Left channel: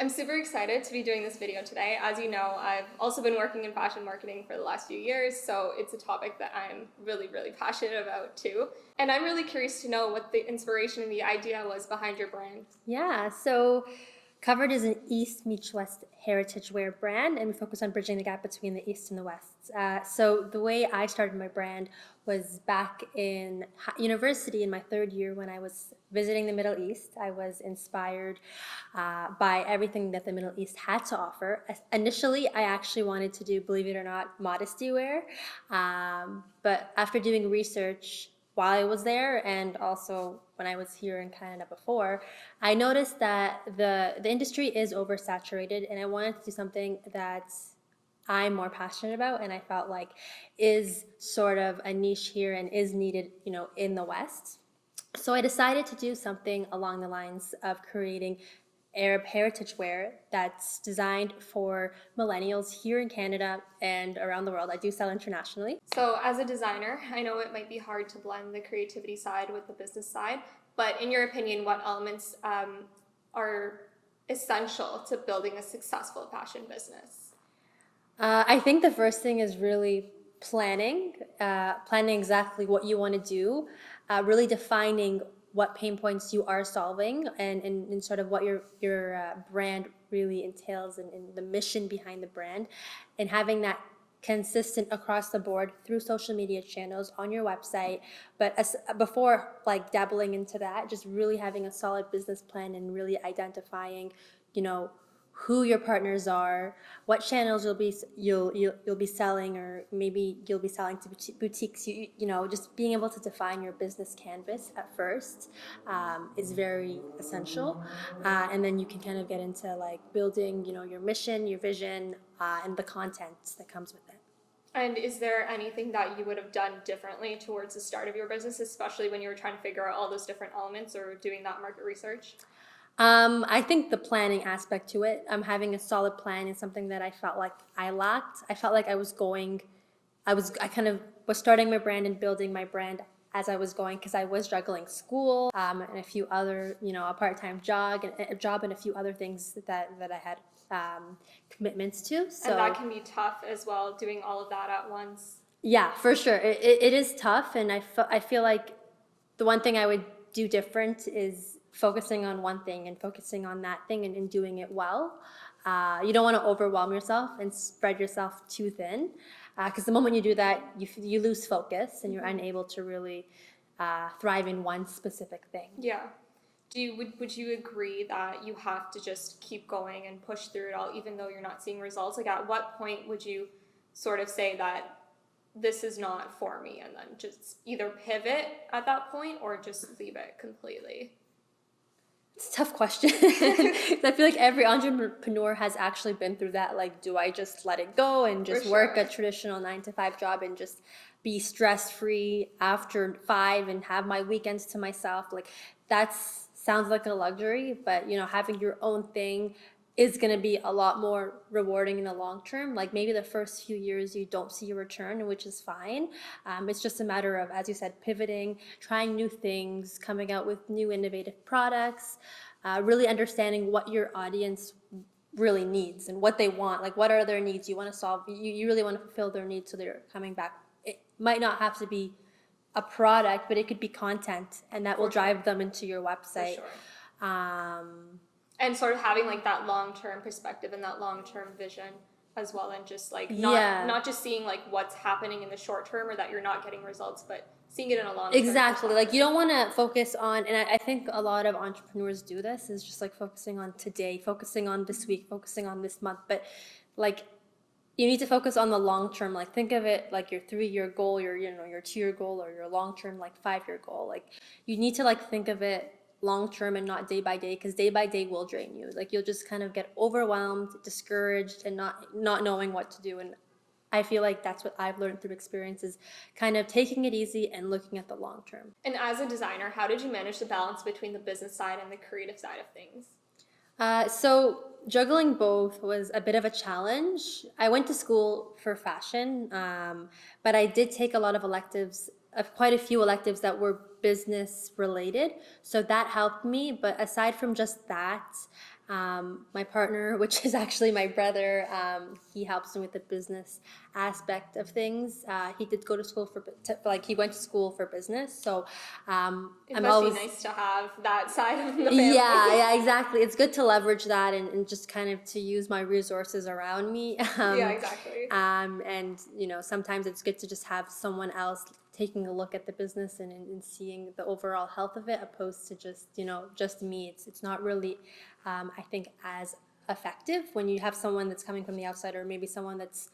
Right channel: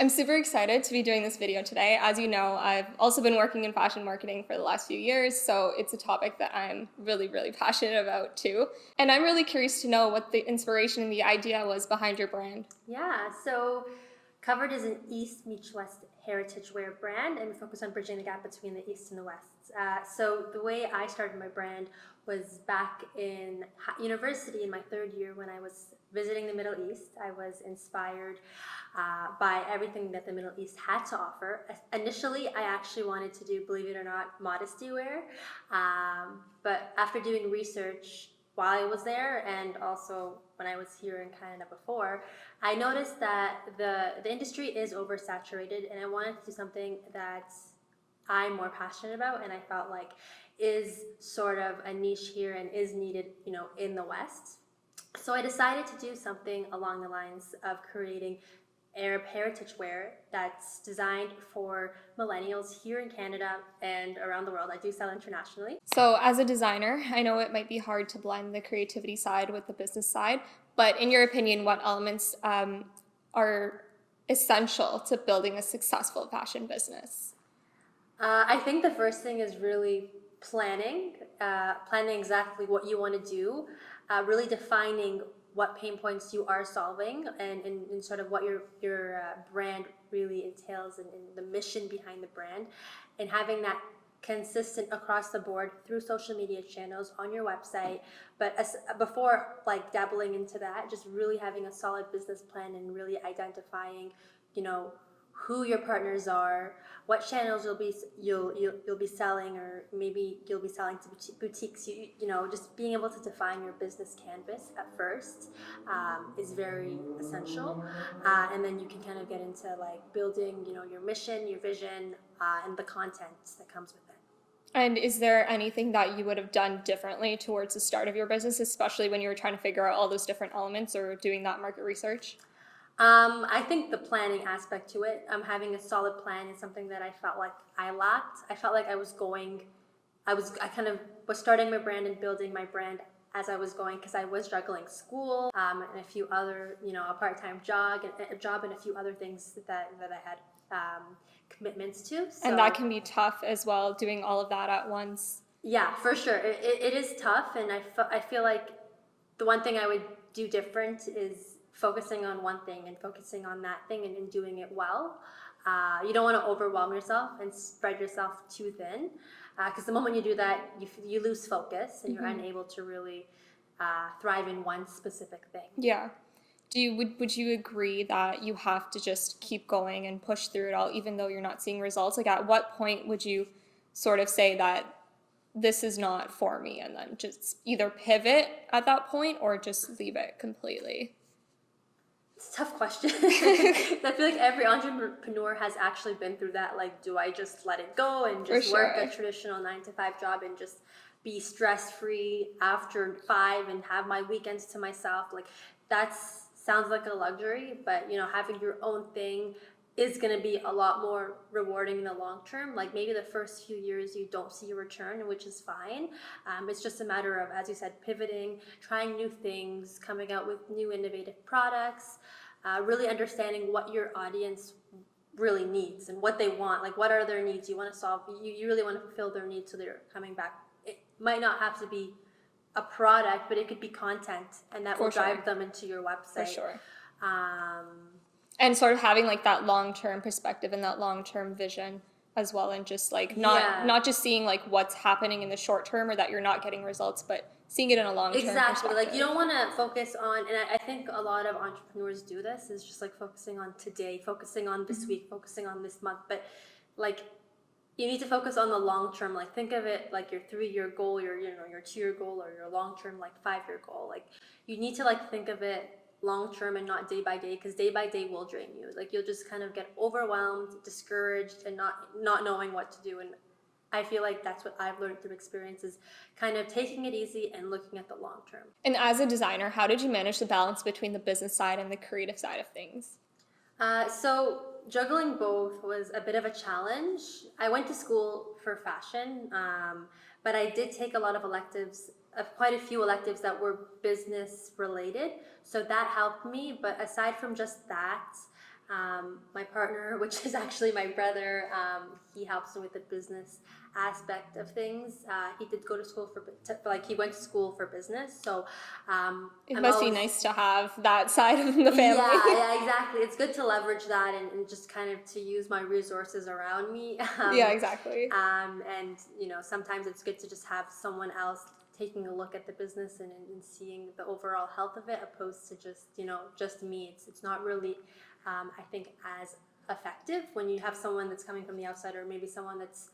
I'm super excited to be doing this video today. As you know, I've also been working in fashion marketing for the last few years, so it's a topic that I'm really passionate about too. And I'm really curious to know what the inspiration and the idea was behind your brand. Yeah, so Kuvrd is an East meets West heritage wear brand, and we focus on bridging the gap between the East and the West. So the way I started my brand was back in university in my third year when I was visiting the Middle East. I was inspired by everything that the Middle East had to offer. Initially, I actually wanted to do, believe it or not, modesty wear, but after doing research while I was there and also when I was here in Canada before, I noticed that the industry is oversaturated, and I wanted to do something that I'm more passionate about and I felt like is sort of a niche here and is needed, in the West. So I decided to do something along the lines of creating Arab heritage wear that's designed for millennials here in Canada and around the world. I do sell internationally. So, as a designer, I know it might be hard to blend the creativity side with the business side, but in your opinion, what elements are essential to building a successful fashion business? I think the first thing is really planning exactly what you want to do, really defining what pain points you are solving and sort of what your brand really entails and the mission behind the brand, and having that consistent across the board through social media channels on your website. But before like dabbling into that, just really having a solid business plan and really identifying, you know, who your partners are, what channels you'll be selling, or maybe you'll be selling to boutiques. Just being able to define your business canvas at first is very essential, and then you can kind of get into like building, your mission, your vision, and the content that comes with it. And is there anything that you would have done differently towards the start of your business, especially when you were trying to figure out all those different elements or doing that market research? I think the planning aspect to it, having a solid plan is something that I felt like I lacked. I felt like I kind of was starting my brand and building my brand as I was going, because I was juggling school, and a few other, a part-time job and a few other things that I had commitments to. So, And that can be tough as well, doing all of that at once. yeah, for sure. It is tough, and I feel like the one thing I would do different is focusing on one thing and focusing on that thing and doing it well. You don't want to overwhelm yourself and spread yourself too thin, because the moment you do that, you lose focus and you're unable to really thrive in one specific thing. Yeah. Would you agree that you have to just keep going and push through it all, even though you're not seeing results? Like, at what point would you sort of say that this is not for me, and then just either pivot at that point or just leave it completely? It's a tough question. I feel like every entrepreneur has actually been through that. Like, do I just let it go and just work a traditional 9 to 5 job and just be stress free after 5 and have my weekends to myself? Like, that sounds like a luxury, but having your own thing is going to be a lot more rewarding in the long term. Like, maybe the first few years you don't see a return, which is fine. It's just a matter of, as you said, pivoting, trying new things, coming out with new innovative products, really understanding what your audience really needs and what they want. Like, what are their needs you want to solve? You really want to fulfill their needs, so they're coming back. It might not have to be a product, but it could be content, and that will drive them into your website. For sure. And sort of having like that long-term perspective and that long-term vision as well, and just like not just seeing like what's happening in the short term or that you're not getting results, but seeing it in a long-term Exactly. Like, you don't want to focus on, and I think a lot of entrepreneurs do this, is just like focusing on today, focusing on this week, focusing on this month, but like, you need to focus on the long term. Like, think of it like your 3-year goal, your 2-year goal, or your long term like 5-year goal. Like, you need to like think of it long term and not day by day, because day by day will drain you. Like, you'll just kind of get overwhelmed, discouraged, and not knowing what to do. And I feel like that's what I've learned through experience, is kind of taking it easy and looking at the long term. And as a designer, how did you manage the balance between the business side and the creative side of things? So juggling both was a bit of a challenge. I went to school for fashion, but I did take a lot of electives, quite a few electives that were business related. So that helped me. But aside from just that, My partner, which is actually my brother, he helps me with the business aspect of things. He did go to school he went to school for business. So It must be nice to have that side of the family. Yeah, exactly. It's good to leverage that and just kind of to use my resources around me. Yeah, exactly. And, sometimes it's good to just have someone else taking a look at the business and seeing the overall health of it, opposed to just me. It's not really, I think, as effective when you have someone that's coming from the outside, or maybe someone that's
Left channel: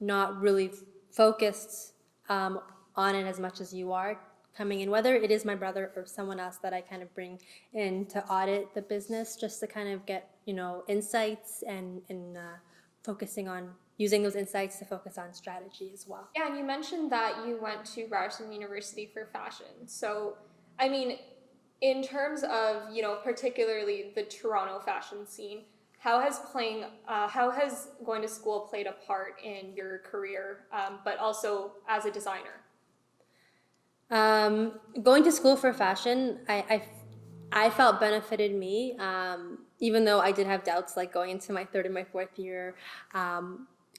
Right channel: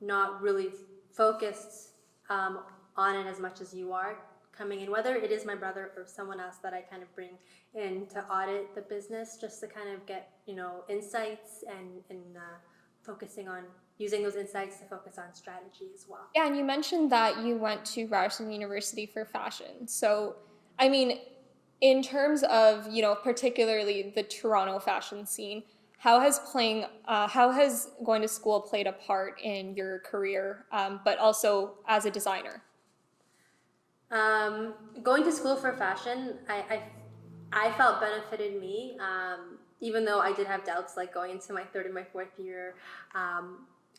not really focused on it as much as you are coming in, whether it is my brother or someone else that I kind of bring in to audit the business, just to kind of get, insights and focusing on using those insights to focus on strategy as well. Yeah, and you mentioned that you went to Ryerson University for fashion. So, I mean, in terms of, particularly the Toronto fashion scene, how has going to school played a part in your career, but also as a designer? Going to school for fashion, I felt benefited me, even though I did have doubts, like going into my third and my fourth year,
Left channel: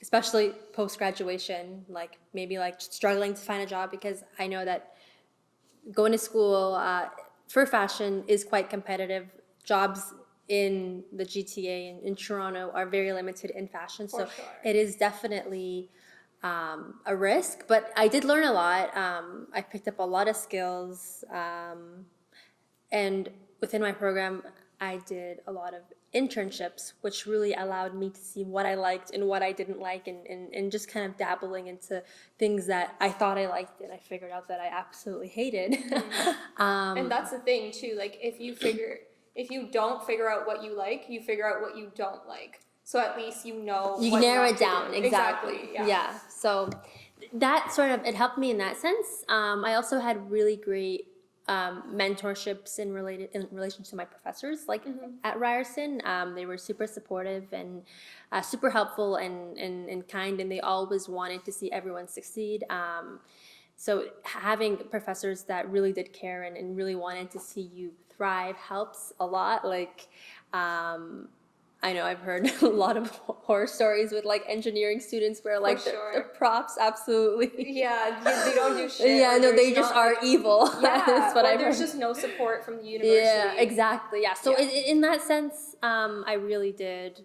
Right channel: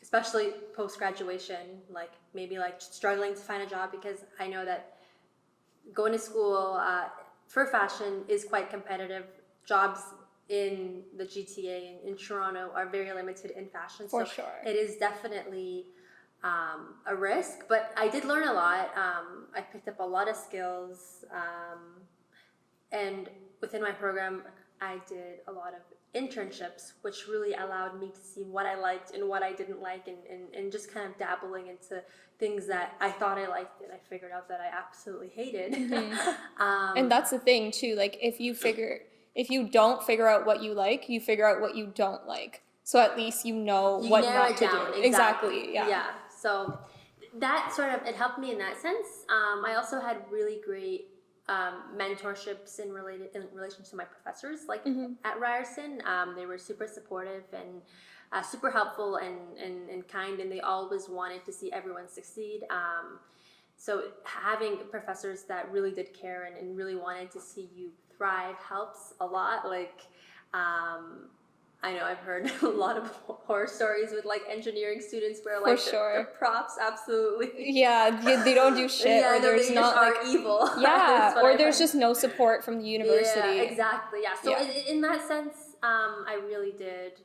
especially post-graduation, like maybe like struggling to find a job, because I know that going to school for fashion is quite competitive. Jobs in the GTA in Toronto are very limited in fashion. For So sure. it is definitely a risk, but I did learn a lot. I picked up a lot of skills, and within my program, I did a lot of internships, which really allowed me to see what I liked and what I didn't like, and just kind of dabbling into things that I thought I liked and I figured out that I absolutely hated. And that's the thing too, like if you don't figure out what you like, you figure out what you don't like. So at least you what narrow not it down. to do. Exactly. Yeah. So that it helped me in that sense. I also had really great mentorships in relation to my professors, like at Ryerson. They were super supportive and super helpful and kind, and they always wanted to see everyone succeed. So having professors that really did care and really wanted to see you thrive helps a lot. Like, I know I've heard a lot of horror stories with like engineering students where like the props absolutely they don't do shit. Yeah, no, they just are evil. Yeah, or there's just no support from the university. Yeah, exactly. Yeah, so in that sense, I really did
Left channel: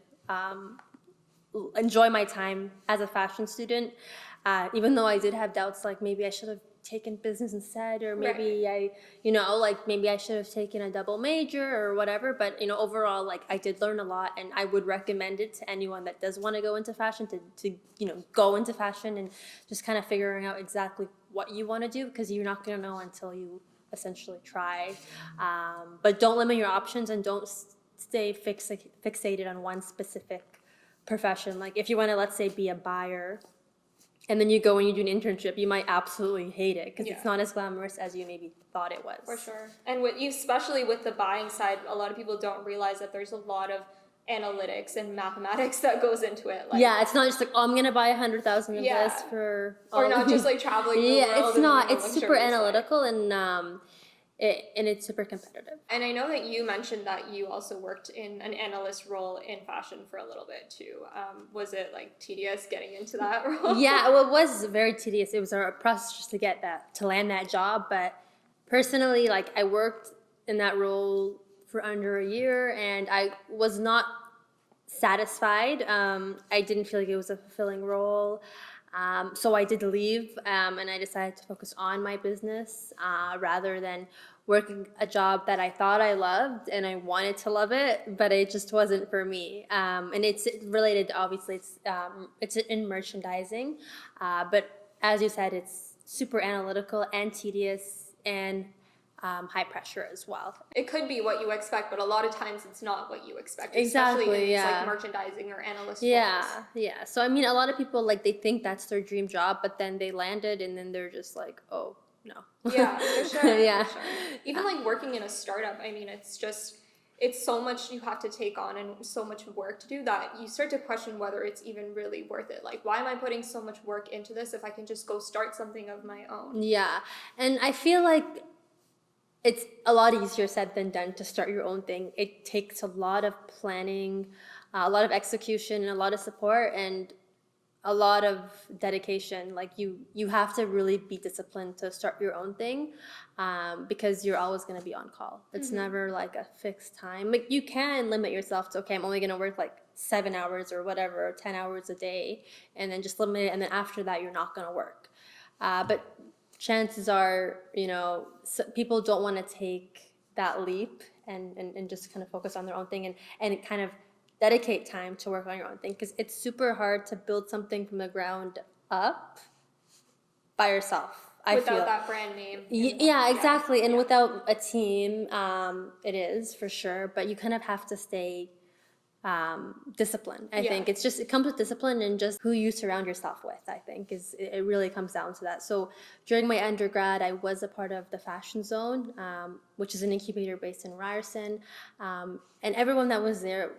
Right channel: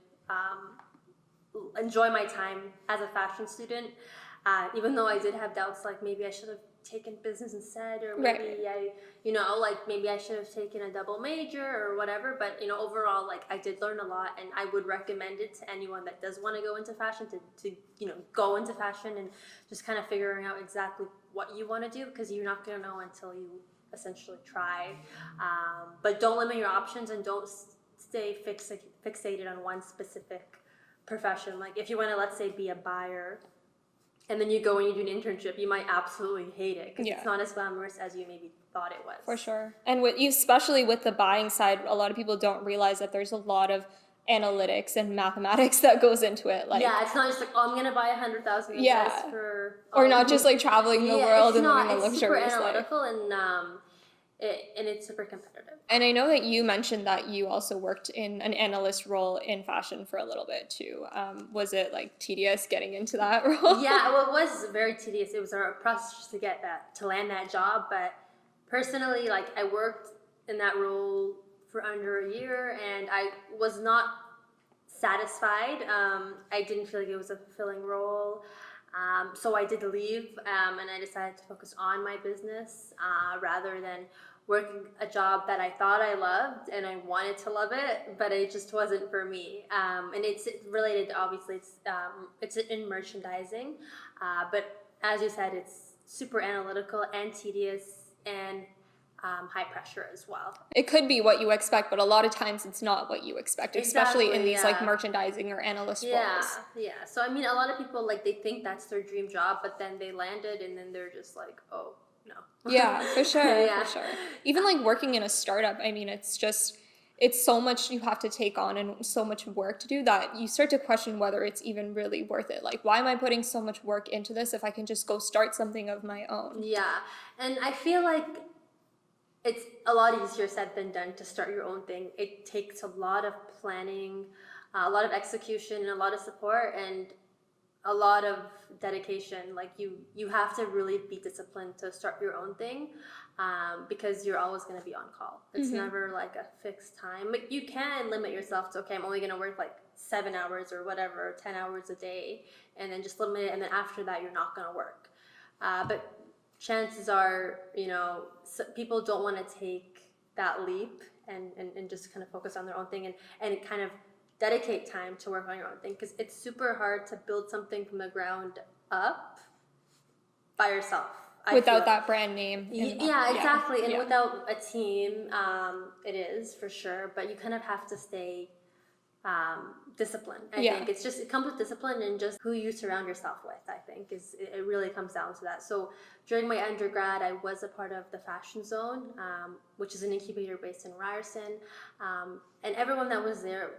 enjoy my time as a fashion student, even though I did have doubts, like maybe I should have taken business instead, or maybe maybe I should have taken a double major or whatever. But overall, like I did learn a lot, and I would recommend it to anyone that does want to go into fashion to go into fashion and just kind of figuring out exactly what you want to do, because you're not going to know until you essentially try. But don't limit your options, and don't stay fixated on one specific profession. Like if you want to, let's say, be a buyer, and then you go and you do an internship, you might absolutely hate it because it's not as glamorous as you maybe thought it was. For sure. And especially with the buying side, a lot of people don't realize that there's a lot of analytics and mathematics that goes into it. Like, it's not just like, I'm going to buy 100,000 of this for... Or not just like traveling the world. It's not. It's super analytical and it's super competitive. And I know that you mentioned that you also worked in an analyst role in fashion for a little bit too. Was it like tedious getting into that role? Yeah, well, it was very tedious. It was a process just to land that job. But personally, like I worked in that role for under a year, and I was not satisfied. I didn't feel like it was a fulfilling role. So I did leave, and I decided to focus on my business rather than working a job that I thought I loved and I wanted to love it, but it just wasn't for me. And it's related, obviously, it's in merchandising, but as you said, it's super analytical and tedious and high pressure as well. It could be what you expect, but a lot of times it's not what you expect, especially in these like merchandising or analyst roles. Yeah. So I mean, a lot of people they think that's their dream job, but then they land it and then they're just like, oh no. Yeah, for sure. For sure. Even like working in a startup, I mean, it's so much you have to take on and so much work to do that you start to question whether it's even really worth it. Like, why am I putting so much work into this if I can just go start something of my own? Yeah, and I feel like it's a lot easier said than done to start your own thing. It takes a lot of planning, a lot of execution, and a lot of support, and a lot of dedication. Like you have to really be disciplined to start your own thing, because you're always going to be on call. It's never like a fixed time. Like you can limit yourself to, okay, I'm only going to work like 7 hours or whatever, 10 hours a day, and then just limit it. And then after that, you're not going to work. But chances are, people don't want to take that leap and just kind of focus on their own thing and kind of dedicate time to work on your own thing, because it's super hard to build something from the ground up by yourself. Without that brand name. Yeah, exactly. And without a team, it is for sure, but you kind of have to stay disciplined. I think it comes with discipline and just who you surround yourself with. I think it really comes down to that. So during my undergrad, I was a part of the Fashion Zone, which is an incubator based in Ryerson, and everyone that was there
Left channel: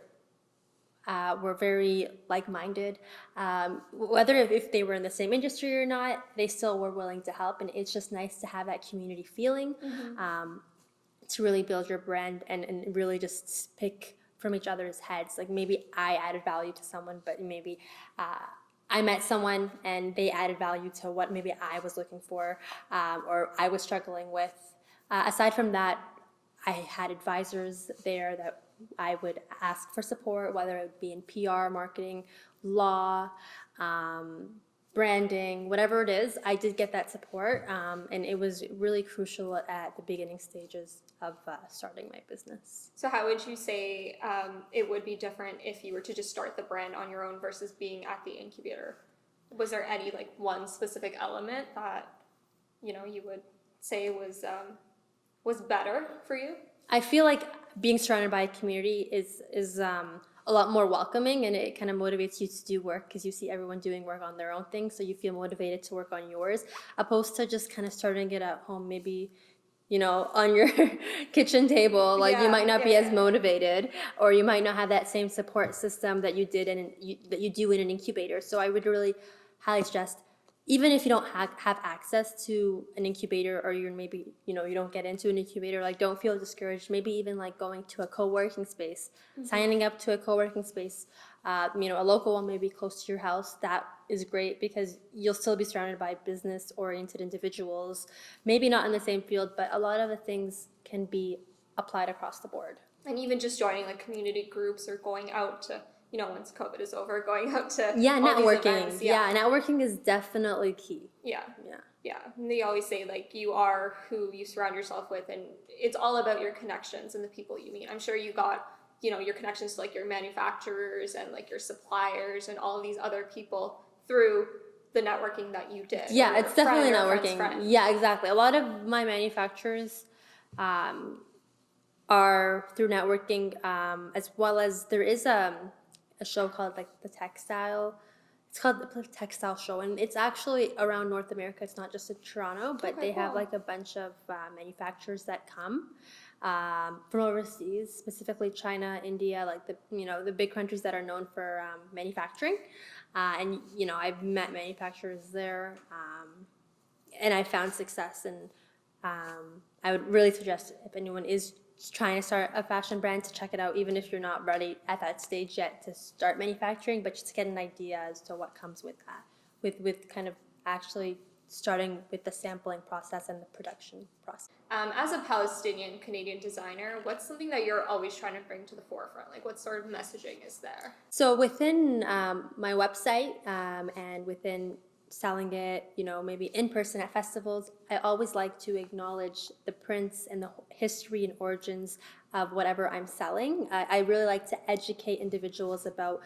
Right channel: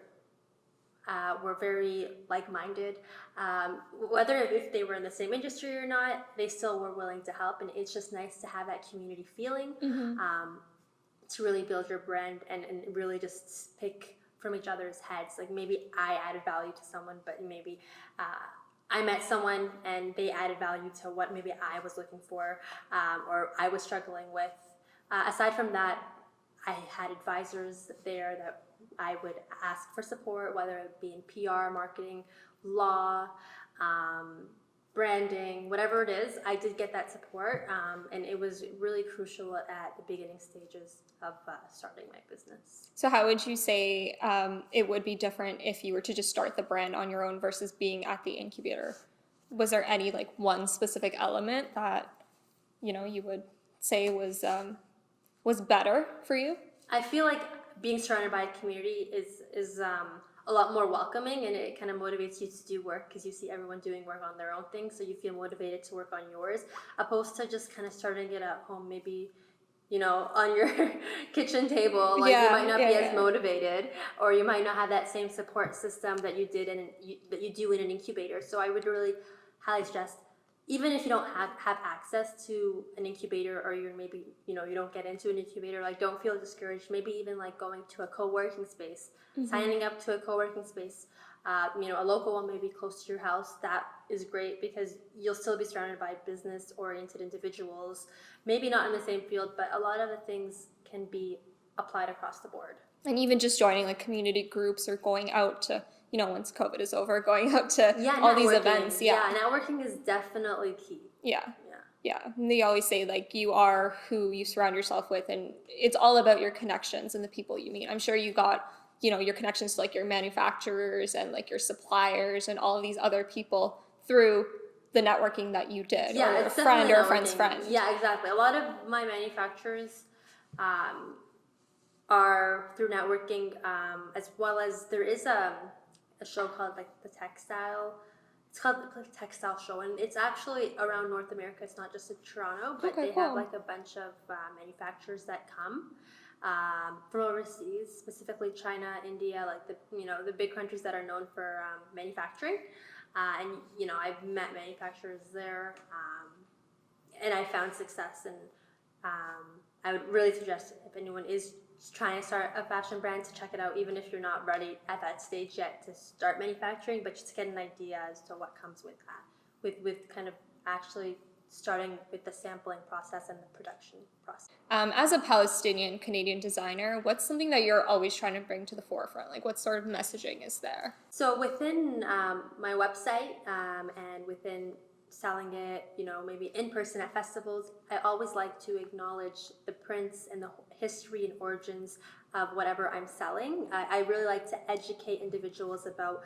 were very like-minded. Whether if they were in the same industry or not, they still were willing to help, and it's just nice to have that community feeling, to really build your brand and really just pick from each other's heads. Like maybe I added value to someone, but maybe I met someone and they added value to what maybe I was looking for, or I was struggling with. Aside from that, I had advisors there that I would ask for support, whether it be in PR, marketing, law, branding, whatever it is. I did get that support, and it was really crucial at the beginning stages of starting my business. So how would you say it would be different if you were to just start the brand on your own versus being at the incubator? Was there any like one specific element that you would say was better for you? I feel like being surrounded by a community is a lot more welcoming, and it kind of motivates you to do work because you see everyone doing work on their own thing, so you feel motivated to work on yours, opposed to just kind of starting it at home, maybe on your kitchen table. Like you might not be as motivated, or you might not have that same support system that you did that you do in an incubator. So I would really highly suggest, even if you don't have access to an incubator, or you're maybe you don't get into an incubator, like don't feel discouraged. Maybe even like going to a co-working space, signing up to a co-working space, a local one maybe close to your house. That is great because you'll still be surrounded by business-oriented individuals. Maybe not in the same field, but a lot of the things can be applied across the board. And even just joining like community groups or going out to once COVID is over, going out to all these events. Yeah, networking is definitely key. Yeah. And they always say like you are who you surround yourself with, and it's all about your connections and the people you meet. I'm sure you got your connections to like your manufacturers and like your suppliers and all of these other people through the networking that you did. Yeah, or it's definitely friend or networking. Friend's friend. Yeah, exactly. A lot of my manufacturers are through networking, as well as there is a show called like it's called the Textile Show, and it's actually around North America. It's not just in Toronto, but they have like a bunch of manufacturers that come from overseas, specifically China, India, like the big countries that are known for manufacturing. And I've met manufacturers there, and I found success. And I would really suggest, if anyone is trying to start a fashion brand, to check it out, even if you're not ready at that stage yet to start manufacturing, but just to get an idea as to what comes with that, with kind of actually starting with the sampling process and the production process. As a Palestinian Canadian designer, what's something that you're always trying to bring to the forefront? Like what sort of messaging is there? So within my website, and within selling it, maybe in person at festivals, I always like to acknowledge the prints and the history and origins of whatever I'm selling. I really like to educate individuals about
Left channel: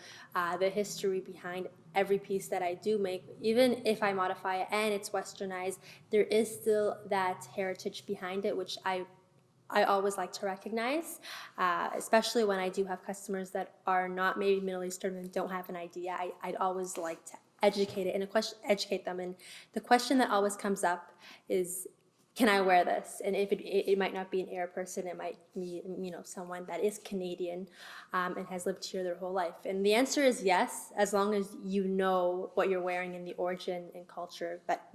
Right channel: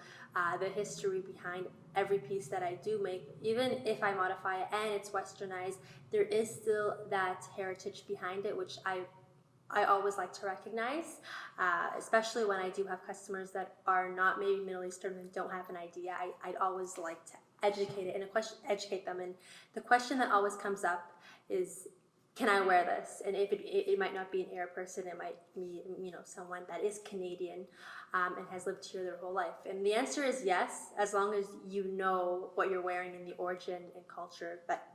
the history behind every piece that I do make. Even if I modify it and it's westernized, there is still that heritage behind it, which I always like to recognize, especially when I do have customers that are not maybe Middle Eastern and don't have an idea. I'd always like to educate them. And the question that always comes up is, can I wear this? And if it might not be an Arab person, it might be someone that is Canadian and has lived here their whole life. And the answer is yes, as long as you know what you're wearing and the origin and culture that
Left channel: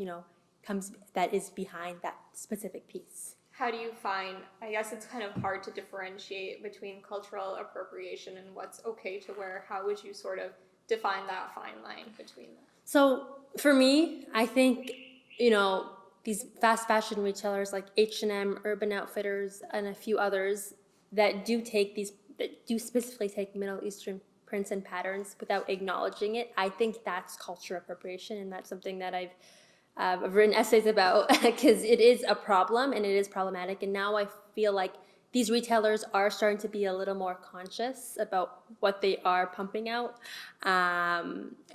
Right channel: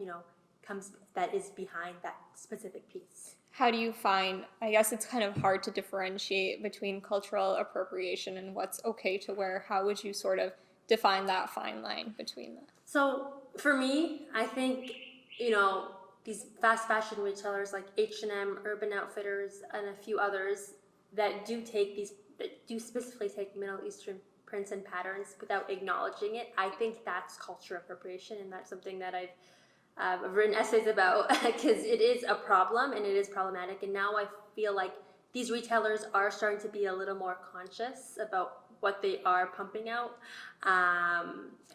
that is behind that specific piece. how do you find, I guess it's kind of hard to differentiate between cultural appropriation and what's okay to wear. How would you sort of define that fine line between that? So for me, I think, you know, these fast fashion retailers like H&M, Urban Outfitters, and a few others that do specifically take Middle Eastern prints and patterns without acknowledging it, I think that's cultural appropriation, and that's something that I've written essays about because it is a problem and it is problematic. And now I feel like these retailers are starting to be a little more conscious about what they are pumping out.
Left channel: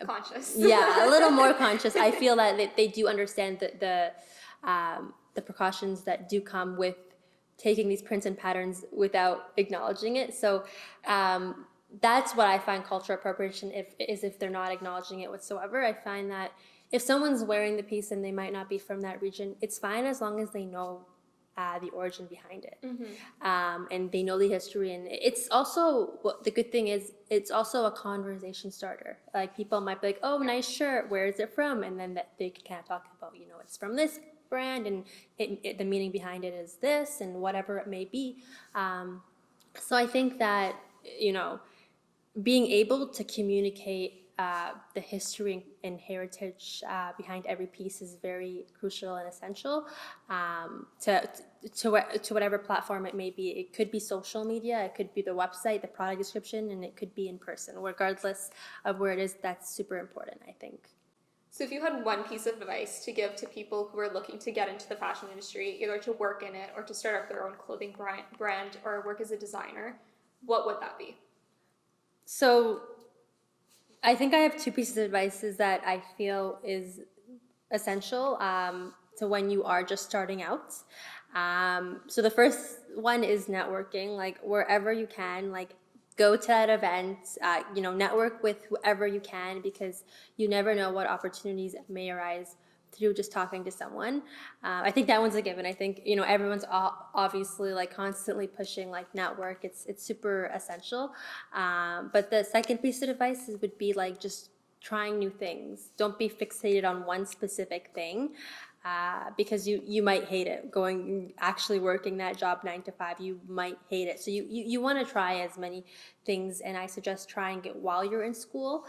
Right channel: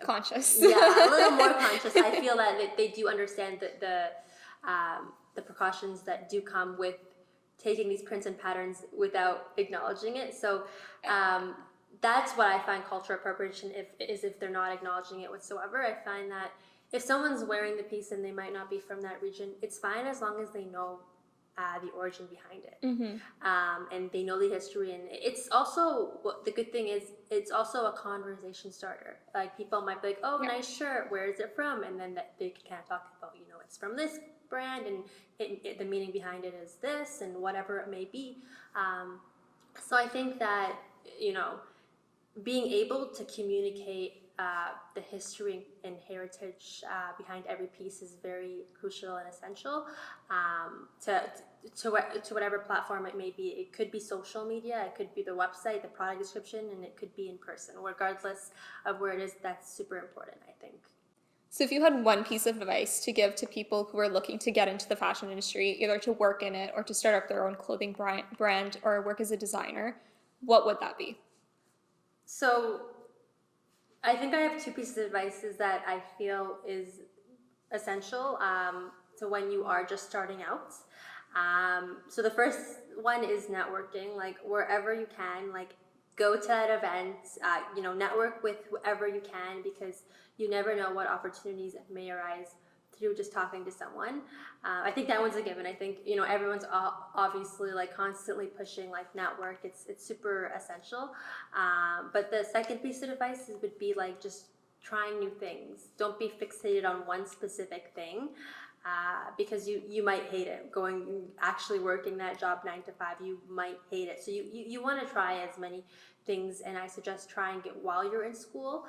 Conscious. Yeah, a little more conscious. I feel that they do understand the precautions that do come with taking these prints and patterns without acknowledging it. So that's what I find cultural appropriation if they're not acknowledging it whatsoever. I find that if someone's wearing the piece and they might not be from that region, it's fine as long as they know the origin behind it. And they know the history. And it's also, the good thing is, it's also a conversation starter. Like, people might be like, oh, nice shirt, where is it from? And then they can kind of talk about, you know, it's from this brand, and the meaning behind it is this, and whatever it may be. So I think that, you know, being able to communicate the history and heritage behind every piece is very crucial and essential to whatever platform it may be. It could be social media, it could be the website, the product description, and it could be in person. Regardless of where it is, that's super important, I think. So if you had one piece of advice to give to people who are looking to get into the fashion industry, either to work in it or to start up their own clothing brand or work as a designer, what would that be? So I think I have two pieces of advice that I feel is essential to when you are just starting out. So the first one is networking. Like, wherever you can, like, go to that event, you know, network with whoever you can, because you never know what opportunities may arise through just talking to someone. I think that one's a given. I think, you know, everyone's obviously like constantly pushing like network. It's super essential. But the second piece of advice would be like just trying new things. Don't be fixated on one specific thing. Because you might hate it. Actually working that job 9 to 5, you might hate it. So you want to try as many things, and I suggest trying it while you're in school.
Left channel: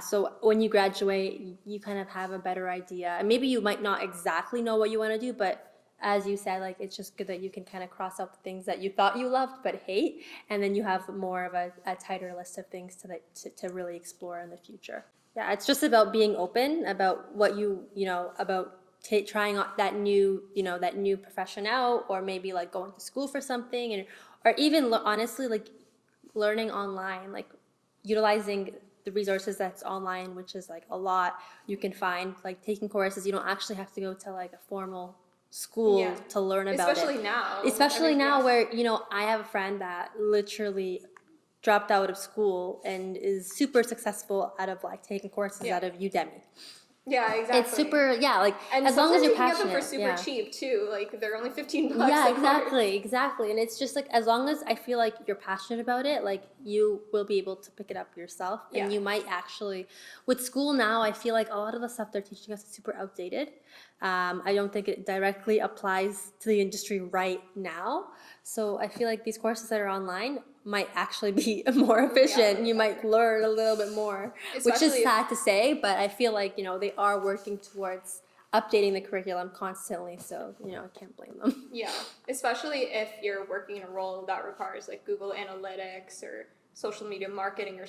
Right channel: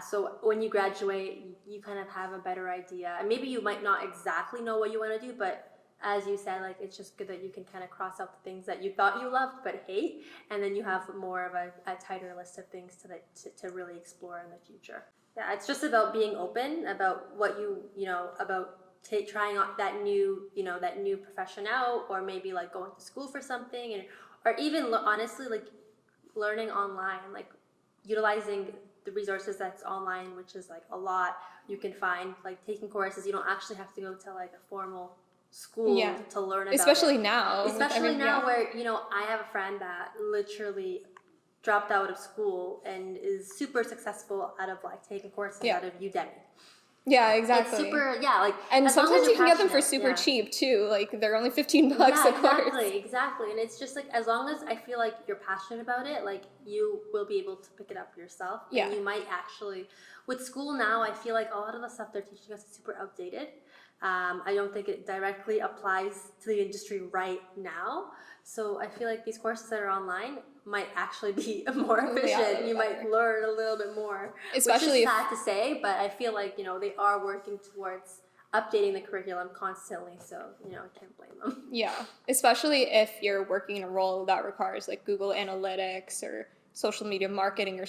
So when you graduate, you kind of have a better idea. And maybe you might not exactly know what you want to do, but as you said, like, it's just good that you can kind of cross out the things that you thought you loved but hate, and then you have more of a tighter list of things to really explore in the future. Yeah, it's just about being open about what you know, about trying out that new profession out, or maybe like going to school for something, or even honestly like learning online, like utilizing the resources that's online, which is like a lot. You can find like taking courses. You don't actually have to go to like a formal school to learn about especially it. now Where, you know, I have a friend that literally dropped out of school and is super successful out of like taking courses out of Udemy. Yeah, exactly. It's super, like, and as long sometimes as you're you can get them for passionate, super cheap too. Like, they're only $15 Yeah, a course. exactly. And it's just like, as long as I feel like you're passionate about it, like, you will be able to pick it up yourself. And you might actually, with school now, I feel like a lot of the stuff they're teaching us is super outdated. I don't think it directly applies to the industry right now. So I feel like these courses that are online might actually be more efficient. You might learn a little bit more, which is sad to say, but I feel like, you know, they are working towards updating the curriculum constantly, so, you know, I can't blame them. Yeah, especially if you're working in a role that requires like Google Analytics or social media marketing or